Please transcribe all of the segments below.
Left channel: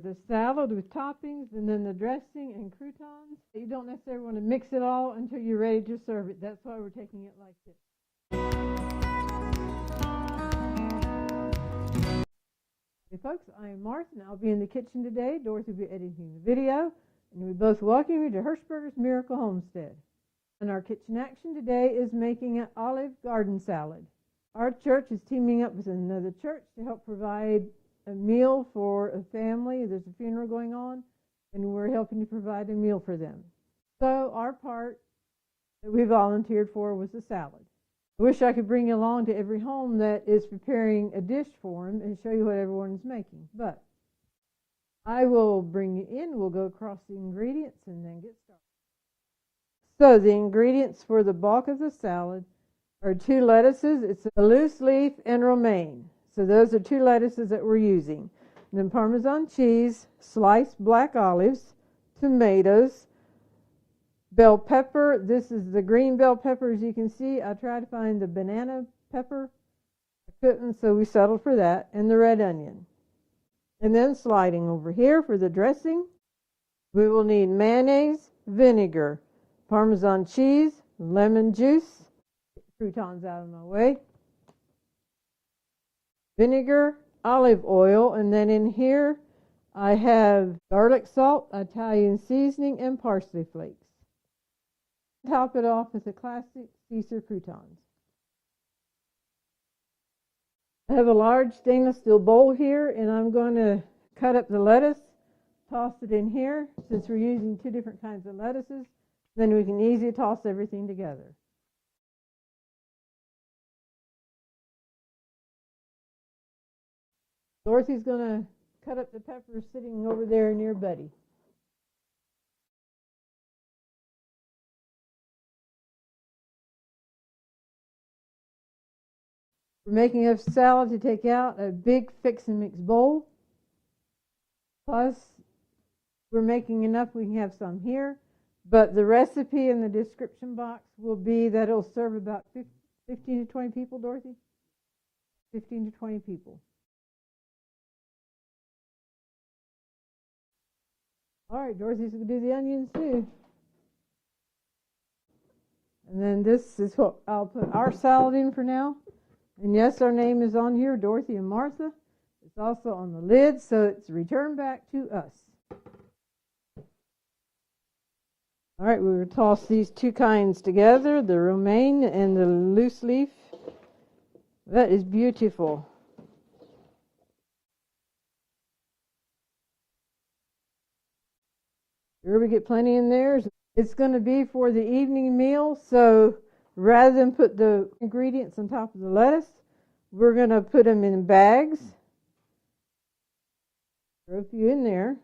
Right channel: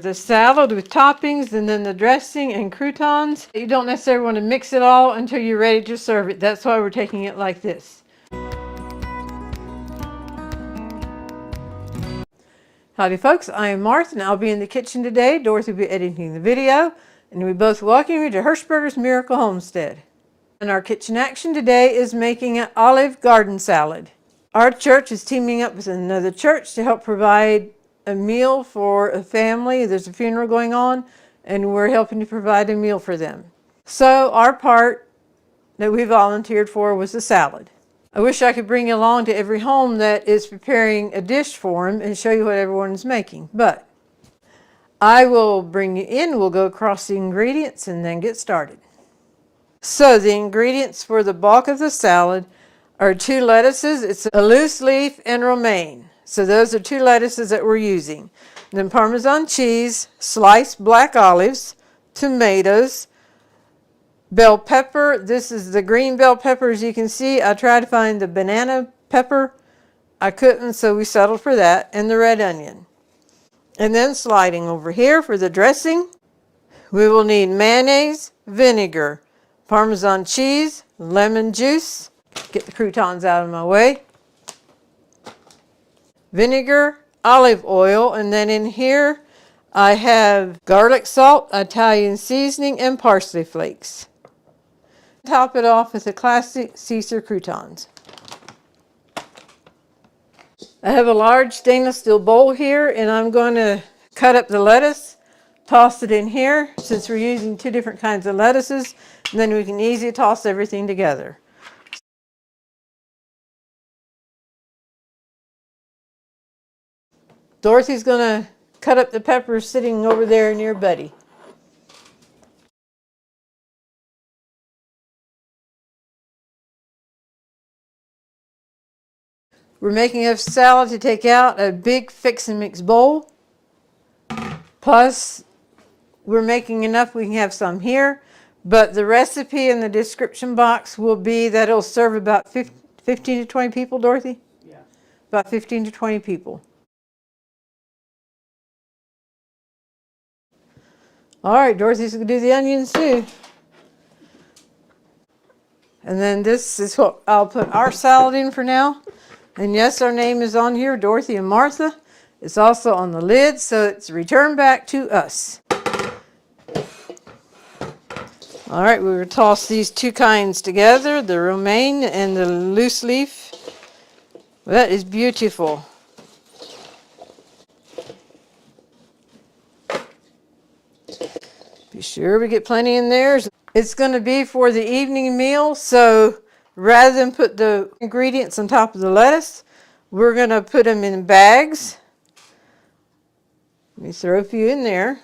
The salad with toppings and then the dressing and croutons. You don't necessarily want to mix it all until you're ready to serve it. That's why we're taking it like this. Howdy folks, I am Martha and I'll be in the kitchen today. Dorothy will be editing the video and we both welcome you to Hirschberger's Miracle Homestead. And our kitchen action today is making an olive garden salad. Our church is teaming up with another church to help provide a meal for a family. There's a funeral going on and we're helping to provide a meal for them. So our part that we volunteered for was the salad. I wish I could bring you along to every home that is preparing a dish for them and show you what everyone is making, but I will bring you in, we'll go across the ingredients and then get started. So the ingredients for the bulk of the salad are 2 lettuces. It's a loose leaf and romaine. So those are 2 lettuces that we're using. Then Parmesan cheese, sliced black olives, tomatoes, bell pepper. This is the green bell pepper. As you can see, I tried to find the banana pepper. I couldn't, so we settled for that. And the red onion. And then sliding over here for the dressing, we will need mayonnaise, vinegar, Parmesan cheese, lemon juice. Get the croutons out of my way. Vinegar, olive oil, and then in here I have garlic salt, Italian seasoning, and parsley flakes. Top it off with the classic Caesar croutons. I have a large stainless steel bowl here and I'm going to cut up the lettuce, toss it in here since we're using 2 different kinds of lettuces, and then we can easily toss everything together. Dorothy's going to cut up the peppers sitting over there near Buddy. We're making a salad to take out a big fix and mix bowl. Plus, we're making enough we can have some here. But the recipe in the description box will be that it'll serve about 15 to 20 people, Dorothy? Yeah. About 15 to 20 people. All right, Dorothy's going to do the onions too. And then this is what I'll put our salad in for now. And yes, our name is on here, Dorothy and Martha. It's also on the lid, so it's returned back to us. All right, we will toss these 2 kinds together, the romaine and the loose leaf. That is beautiful. Be sure we get plenty in there. It's going to be for the evening meal, so rather than put the ingredients on top of the lettuce, we're going to put them in bags. Let me throw a few in there.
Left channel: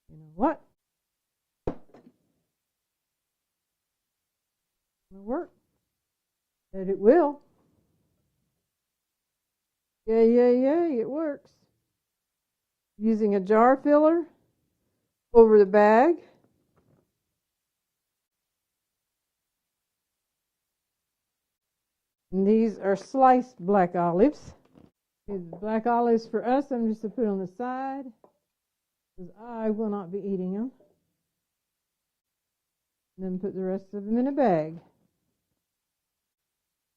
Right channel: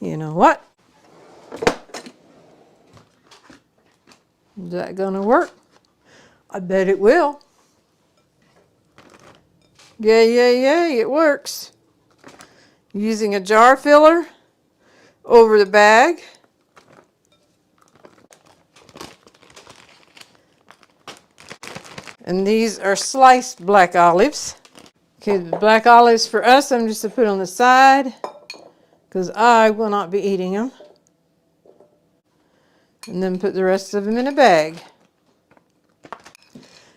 You know what? Is that going to work? I bet it will. Yay, it works. Using a jar filler over the bag. And these are sliced black olives. Okay, the black olives for us, I'm just going to put on the side because I will not be eating them. And then put the rest of them in a bag.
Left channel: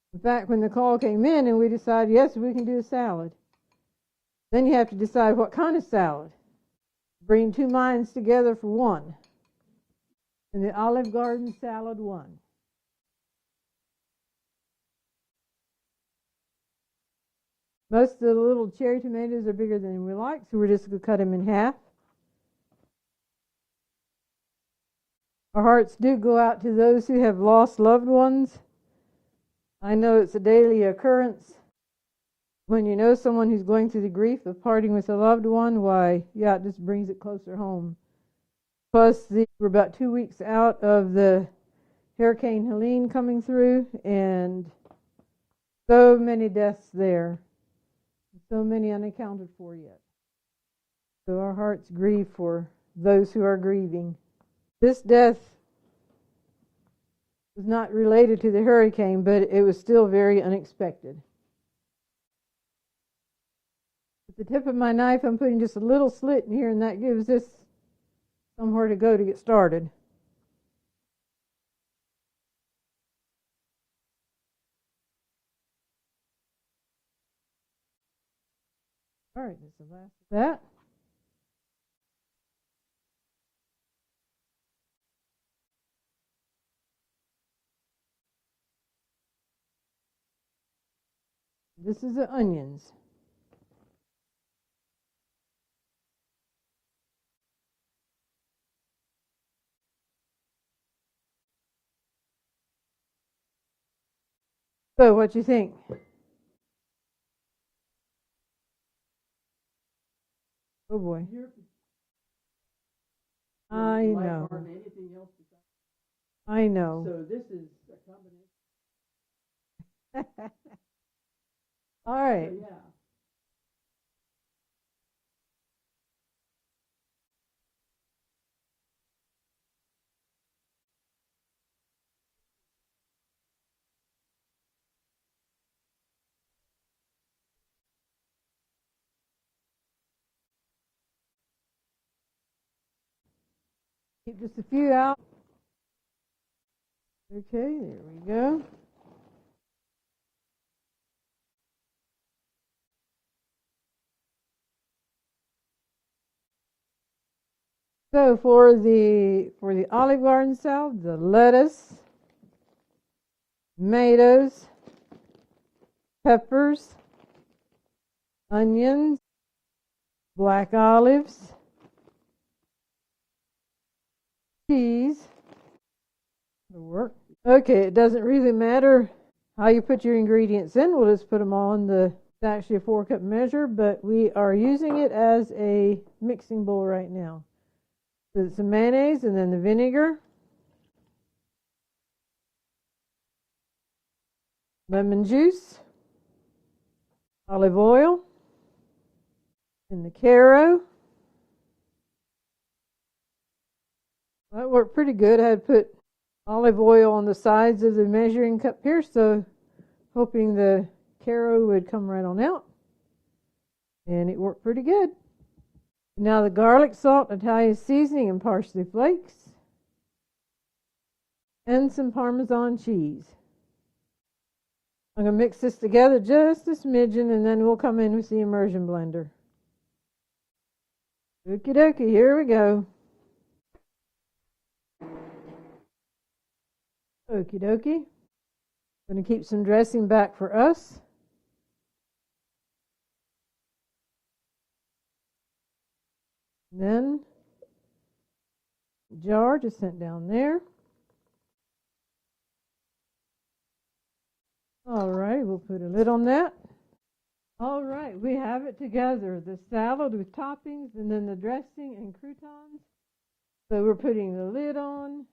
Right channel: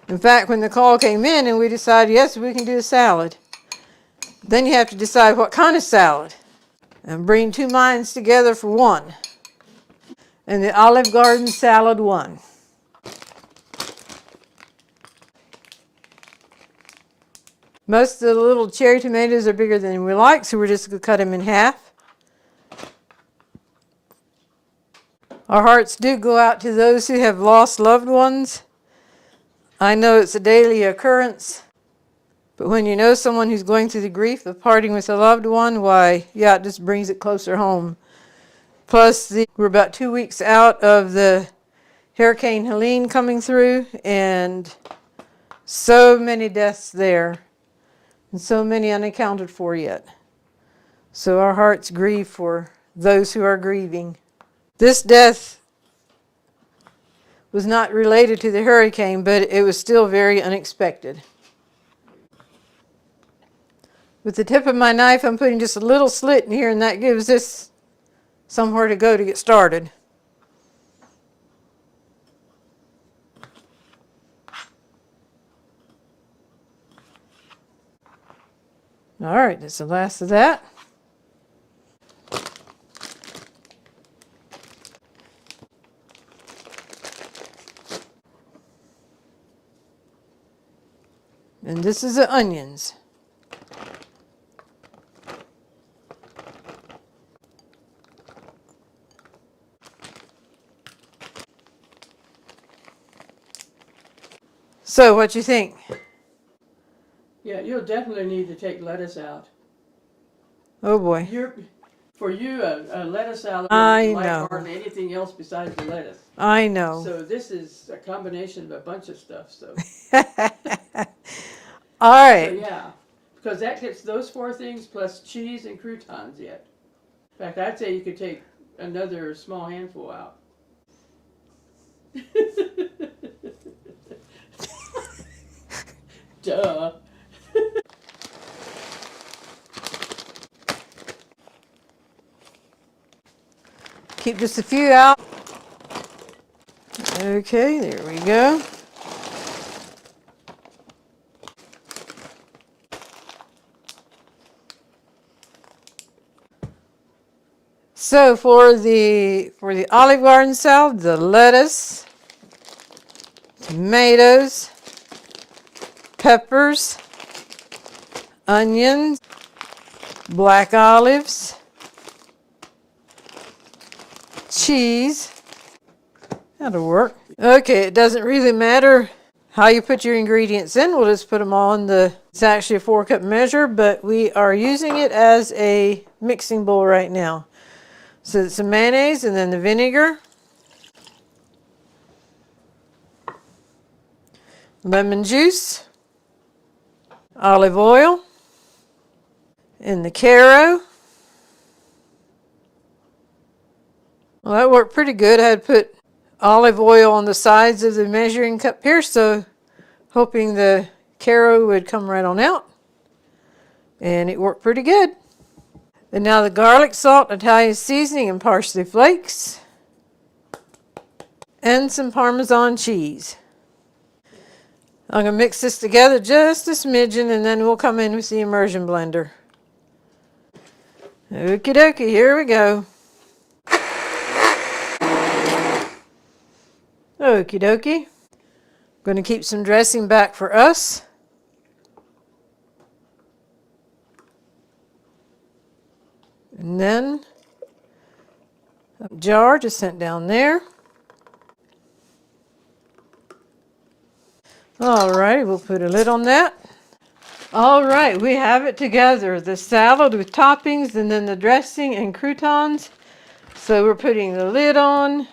In fact, when the call came in and we decided, yes, we can do a salad, then you have to decide what kind of salad. And bring 2 minds together for one. And the Olive Garden salad won. Most of the little cherry tomatoes are bigger than we like, so we're just going to cut them in half. Our hearts do go out to those who have lost loved ones. I know it's a daily occurrence, but when you know someone who's going through the grief of parting with a loved one, why, yeah, it just brings it closer home. Plus, we're about 2 weeks out of the Hurricane Helene coming through, and so many deaths there, and so many unaccounted for yet. So our hearts grieve for those who are grieving. This death was not related to the hurricane, but it was still very unexpected. With the tip of my knife, I'm putting just a little slit in here, and that gives this somewhere to go to get started. All right, that's the last of that. And this is the onions. So, what you think? Yeah, you'll definitely need to take lettuce out. Oh boy. For you, a lettuce salad I is like know. hardly anything else besides the lettuce. I know. So this is a combination of a bunch of stuff. So All right. So yeah, because that gets those four things plus cheese and croutons yet. In fact, I'd say you could take another small handful out. Duh. Keep just a few out. Okay, there we go. So for the Olive Garden salad, the lettuce, tomatoes, peppers, onions, black olives, cheese. That'll work. Okay, it doesn't really matter how you put your ingredients in. We'll just put them all in it's actually a 4-cup measure, but we are using it as a mixing bowl right now. So it's some mayonnaise and then the vinegar, lemon juice, olive oil, and the Karo. Well, that worked pretty good. I had put olive oil on the sides of the measuring cup here, so hoping the Karo would come right on out. And it worked pretty good. And now the garlic, salt, Italian seasoning, and parsley flakes. And some Parmesan cheese. I'm going to mix this together just a smidgen, and then we'll come in with the immersion blender. Okie dokie, here we go. Okie dokie. Going to keep some dressing back for us. And then a jar just sent down there. All right, we'll put a lid on that. All right, we have it together. The salad with toppings and then the dressing and croutons. So we're putting the lid on.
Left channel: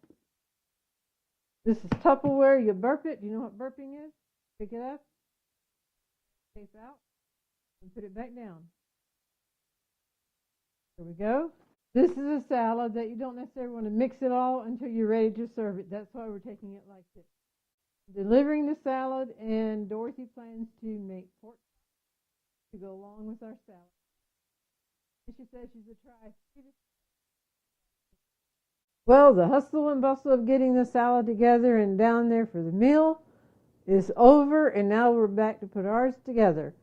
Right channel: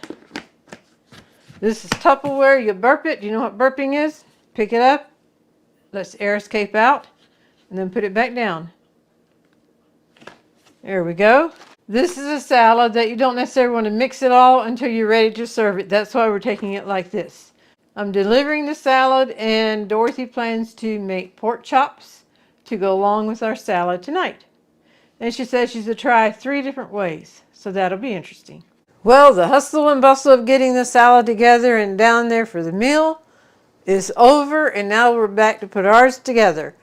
This is Tupperware. You burp it. Do you know what burping is? Pick it up. Let the air escape out. And then put it back down. There we go. This is a salad that you don't necessarily want to mix it all until you're ready to serve it. That's why we're taking it like this. I'm delivering the salad, and Dorothy plans to make pork chops to go along with our salad tonight. And she says she's going to try 3 different ways, so that'll be interesting. Well, the hustle and bustle of getting the salad together and down there for the meal is over, and now we're back to put ours together.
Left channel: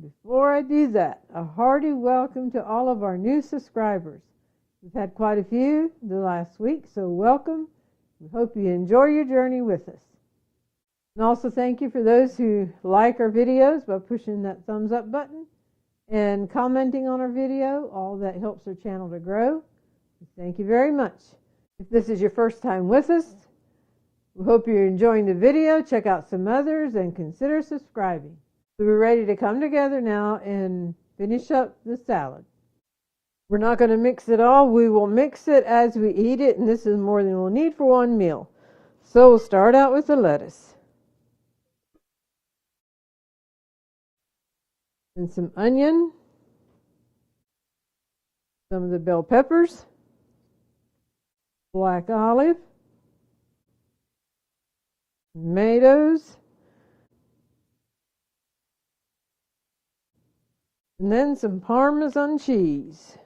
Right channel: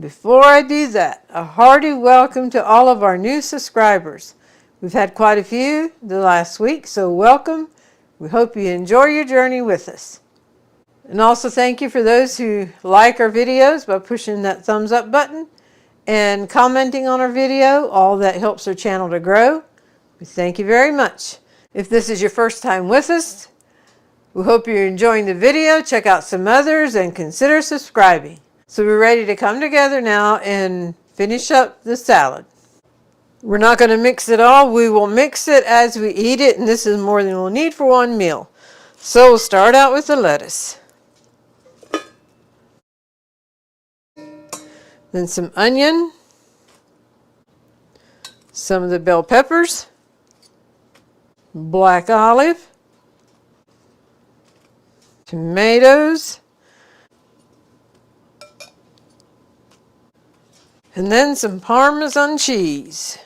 Before I do that, a hearty welcome to all of our new subscribers. We've had quite a few the last week, so welcome. We hope you enjoy your journey with us. And also thank you for those who like our videos by pushing that thumbs up button and commenting on our video. All that helps our channel to grow. We thank you very much. If this is your first time with us, we hope you're enjoying the video. Check out some others and consider subscribing. So we're ready to come together now and finish up the salad. We're not going to mix it all. We will mix it as we eat it, and this is more than we'll need for one meal. So we'll start out with the lettuce. Then some onion. Some of the bell peppers. Black olive. tomatoes, and then some Parmesan cheese.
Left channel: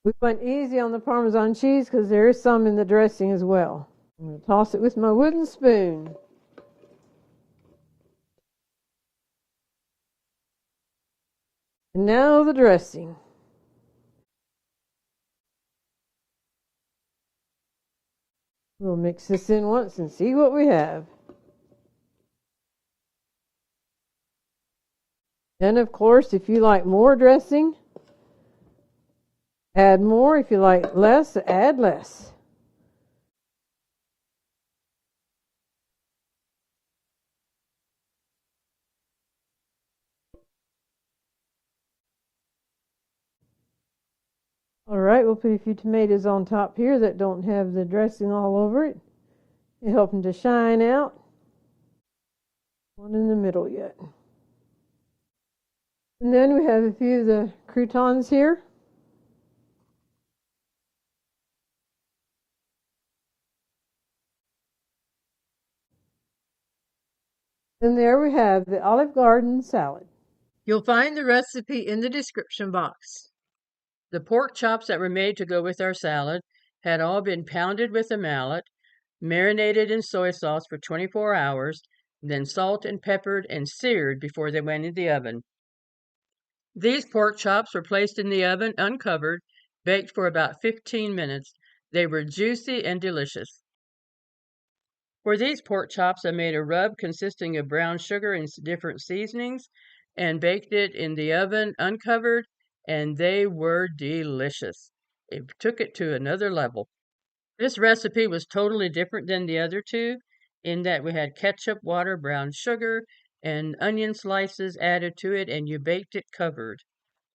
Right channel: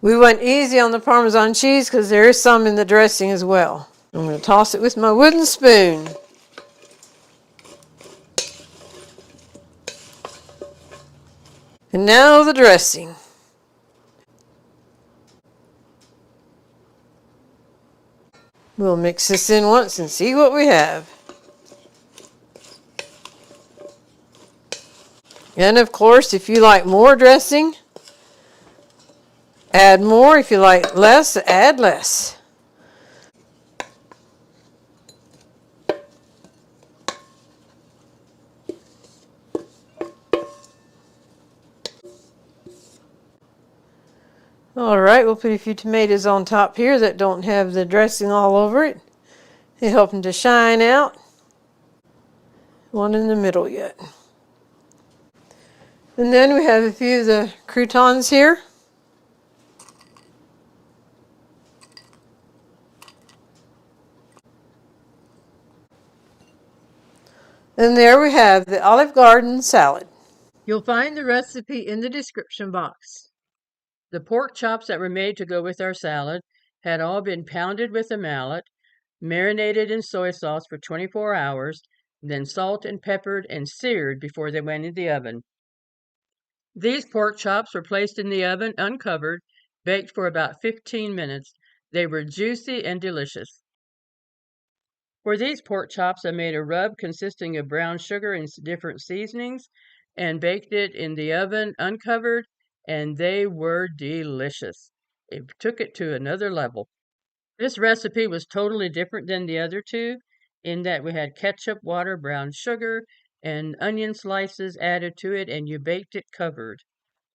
We went easy on the Parmesan cheese because there is some in the dressing as well. I'm going to toss it with my wooden spoon. And now the dressing. We'll mix this in once and see what we have. And of course, if you like more dressing, add more. If you like less, add less. All right, we'll put a few tomatoes on top here that don't have the dressing all over it. They help them to shine out. One in the middle yet. And then we have a few of the croutons here. And there we have the Olive Garden salad. You'll find the recipe in the description box. The pork chops that were made to go with our salad had all been pounded with a mallet, marinated in soy sauce for 24 hours, then salt and peppered and seared before they went in the oven. These pork chops were placed in the oven uncovered, baked for about 15 minutes. They were juicy and delicious. For these pork chops, I made a rub consisting of brown sugar and different seasonings and baked it in the oven uncovered, and they were delicious. It took it to another level. This recipe was totally different than the other two in that we had ketchup, water, brown sugar, and onion slices added to it, and you baked it covered.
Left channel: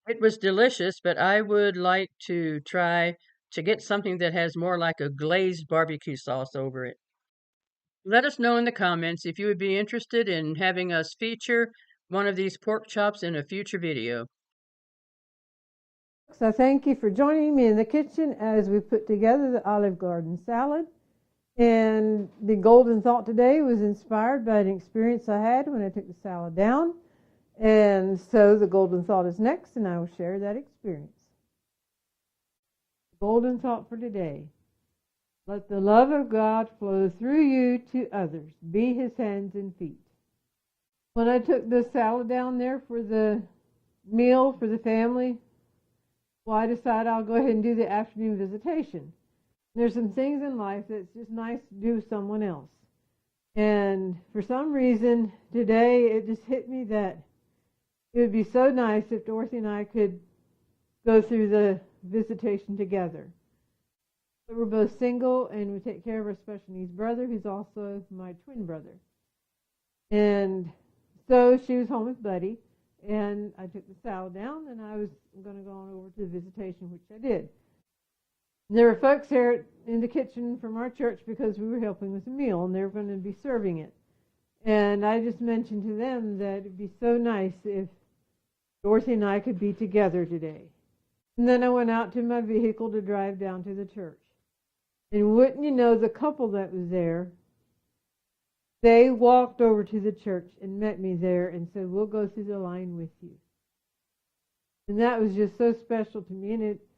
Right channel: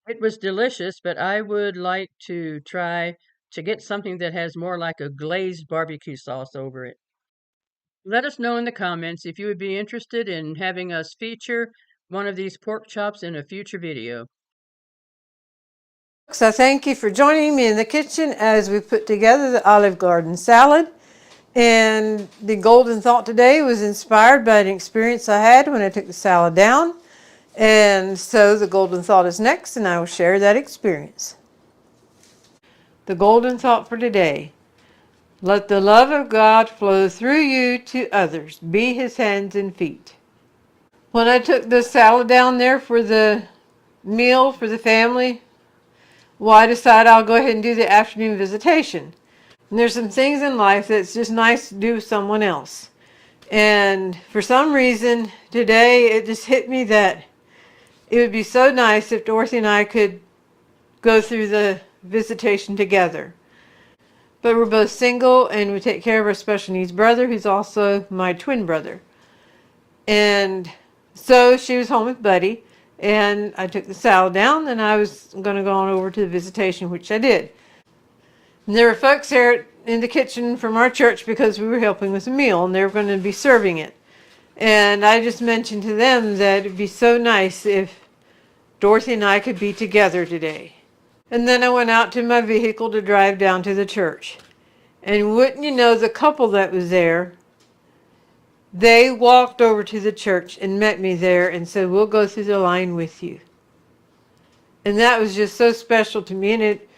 It was delicious, but I would like to try to get something that has more like a glazed barbecue sauce over it. Let us know in the comments if you would be interested in having us feature one of these pork chops in a future video. So thank you for joining me in the kitchen as we put together the Olive Garden salad. And the golden thought today was inspired by an experience I had when I took the salad down. And so the golden thought is next, and I will share that experience. The golden thought for today: let the love of God flow through you to others. Be his hands and feet. When I took the salad down there for the meal for the family, well, I decided I'll go ahead and do the afternoon visitation. And there's some things in life that's just nice to do with someone else. And for some reason, today it just hit me that it would be so nice if Dorothy and I could go through the visitation together. But we're both single, and we take care of our special needs brother, who's also my twin brother. And so she was home with Buddy, and I took the salad down, and I was going to go on over to the visitation, which I did. And there were folks there in the kitchen from our church because we were helping with a meal, and they were going to be serving it. And I just mentioned to them that it'd be so nice if Dorothy and I could be together today. And then I went out to my vehicle to drive down to the church. And wouldn't you know, the couple that was there, they walked over to the church and met me there and said, we'll go through the line with you. And that was just so special to me. And it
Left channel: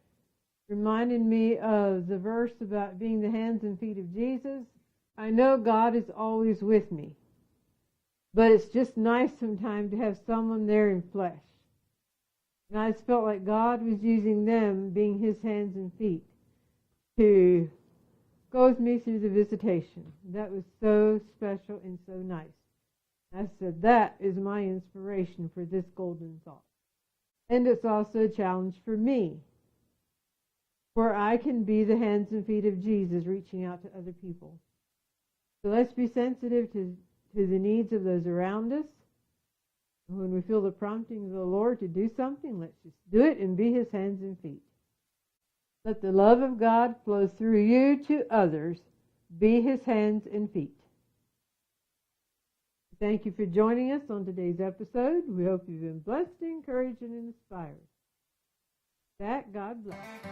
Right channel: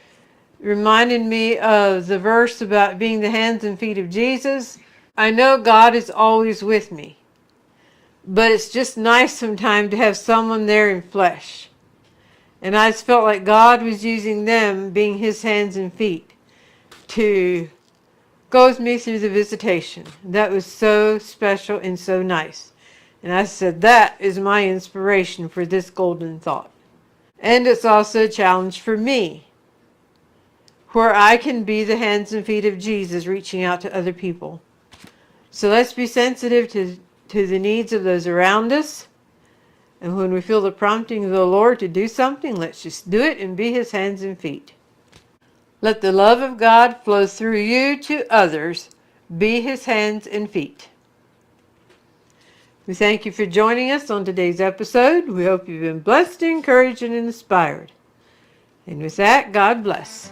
reminded me of the verse about being the hands and feet of Jesus. I know God is always with me, but it's just nice sometimes to have someone there in flesh. And I just felt like God was using them, being his hands and feet, to go with me through the visitation. That was so special and so nice. And I said, that is my inspiration for this golden thought. And it's also a challenge for me, where I can be the hands and feet of Jesus reaching out to other people. So let's be sensitive to the needs of those around us. And when we feel the prompting of the Lord to do something, let's just do it and be his hands and feet. Let the love of God flow through you to others. Be his hands and feet. We thank you for joining us on today's episode. We hope you've been blessed, encouraged, and inspired. And with that, God bless.